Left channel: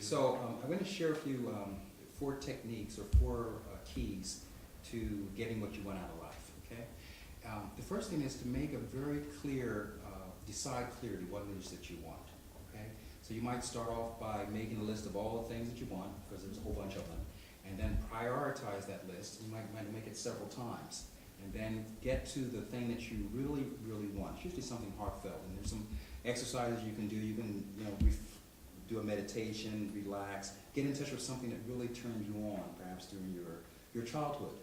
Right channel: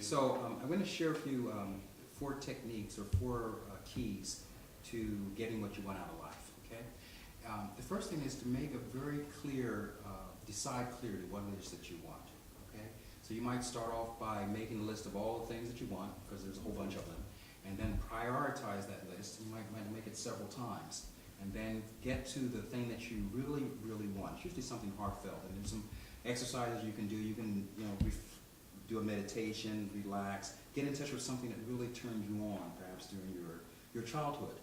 So I'm going to share with you 4 techniques or 4 keys to getting what you want out of life, okay? The first thing is to make a very clear, decide clearly what it is that you want, okay? So you might start off by making a list of all the things that you want, because there's a whole bunch of them, and then prioritize that list. You might make it several times, and then get to the thing that you really, really want. It's usually something heartfelt, and there's some exercises you can do. You can, do a meditation, relax, get in touch with something that really turned you on, perhaps during your childhood.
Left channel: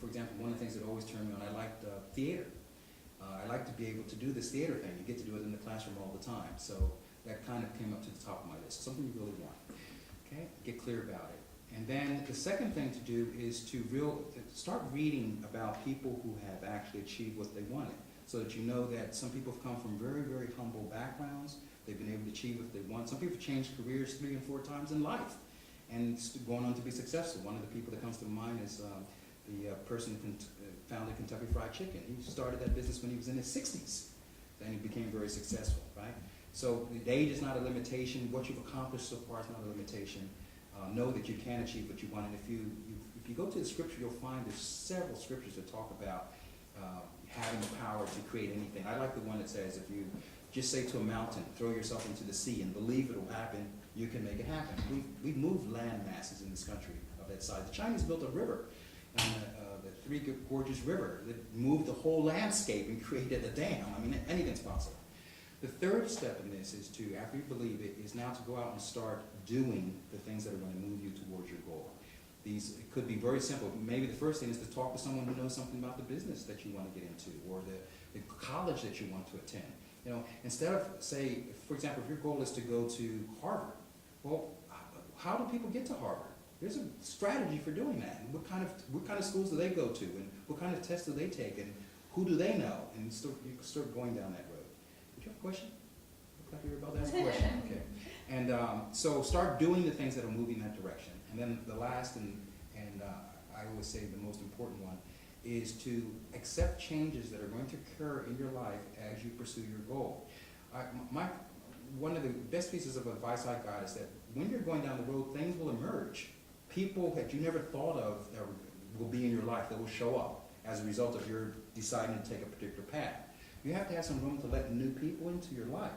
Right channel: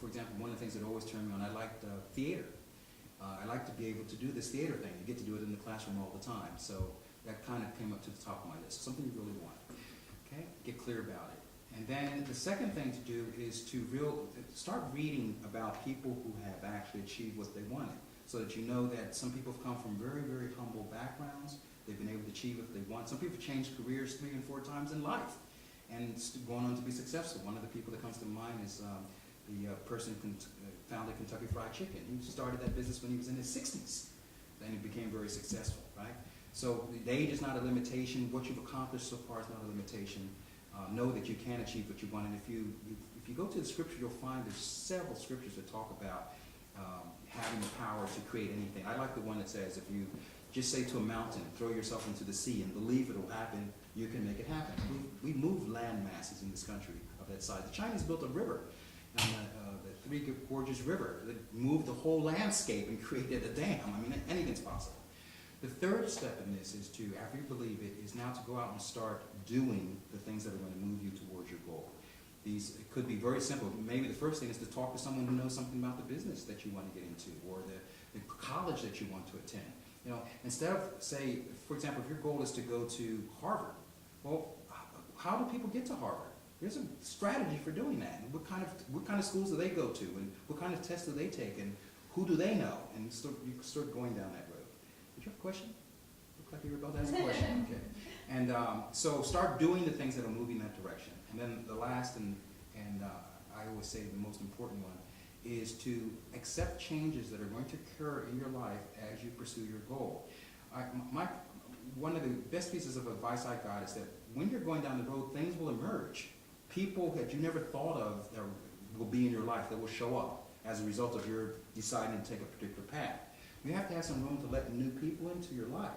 For example, one of the things that always turned me on, I liked theater. I like to be able to do this theater thing. You get to do it in the classroom all the time. So that kind of came up to the top of my list, something you really want. Okay, get clear about it. And then the second thing to do is to start reading about people who have actually achieved what they wanted, so that you know that some people have come from very, very humble backgrounds. They've been able to achieve what they want. Some people change careers 3 and 4 times in life and going on to be successful. One of the people that comes to mind is the person who founded Kentucky Fried Chicken. He started that business when he was in his 60s, and he became very successful, right? So the age is not a limitation. What you've accomplished so far is not a limitation. Know that you can achieve what you want, and if you go to the scripture, you'll find there's several scriptures that talk about having the power to create anything. I like the one that says, if you just say to a mountain, throw yourself into the sea and believe it will happen, you can make it happen. We've moved land masses in this country of that size. The Chinese built a river, the Three Gorges River. They moved the whole landscape and created a dam. I mean, anything's possible. The third step in this is to, after you believe it, is now to go out and start doing the things that are going to move you towards your goal. It could be very simple. Maybe the first thing is to talk to someone who knows something about the business that you want to get into, or the college that you want to attend. Instead of, say, for example, if your goal is to go to Harvard, well, how do people get to Harvard? There's a strategy for doing that. And what kind of schools do they go to, and what kind of tests do they take, and who do they know? And you start going down that road. Did you have a question? Look like you were about to ask a question. Okay. And so start doing the things that will move you in that direction. And then the last, and I always say the most important one, is to accept changes that are going to occur in your life as you pursue your goal. One of the best pieces of advice I got is that when you're going down the road, things will emerge. People that you never thought of that will be in your life, that will show up as a result of your deciding to take a particular path. You have to have some room to let new people into your life,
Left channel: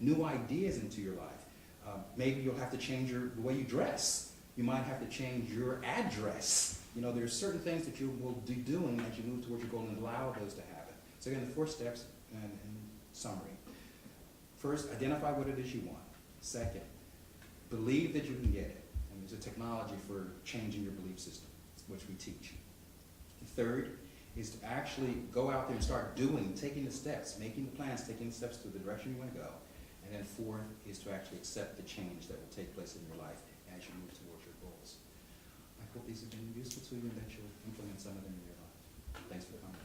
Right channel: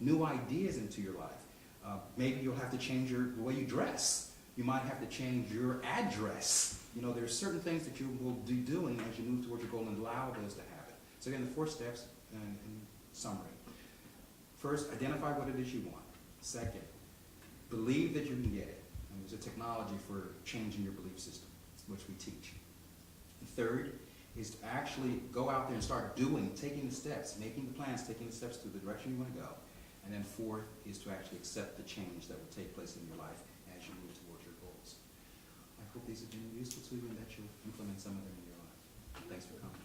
new ideas into your life. Maybe you'll have to change the way you dress. You might have to change your address. There's certain things that you will be doing as you move towards your goal, and allow those to happen. So again, the 4 steps in summary. First, identify what it is you want. Second, believe that you can get it. And there's a technology for changing your belief system, which we teach. The third is to actually go out there and start taking the steps, making the plans, taking the steps to the direction you want to go. And then 4th is to actually accept the change that will take place in your life as you move towards your goals. I hope these have been useful to you and that you'll implement some of them in your life. Thanks for coming.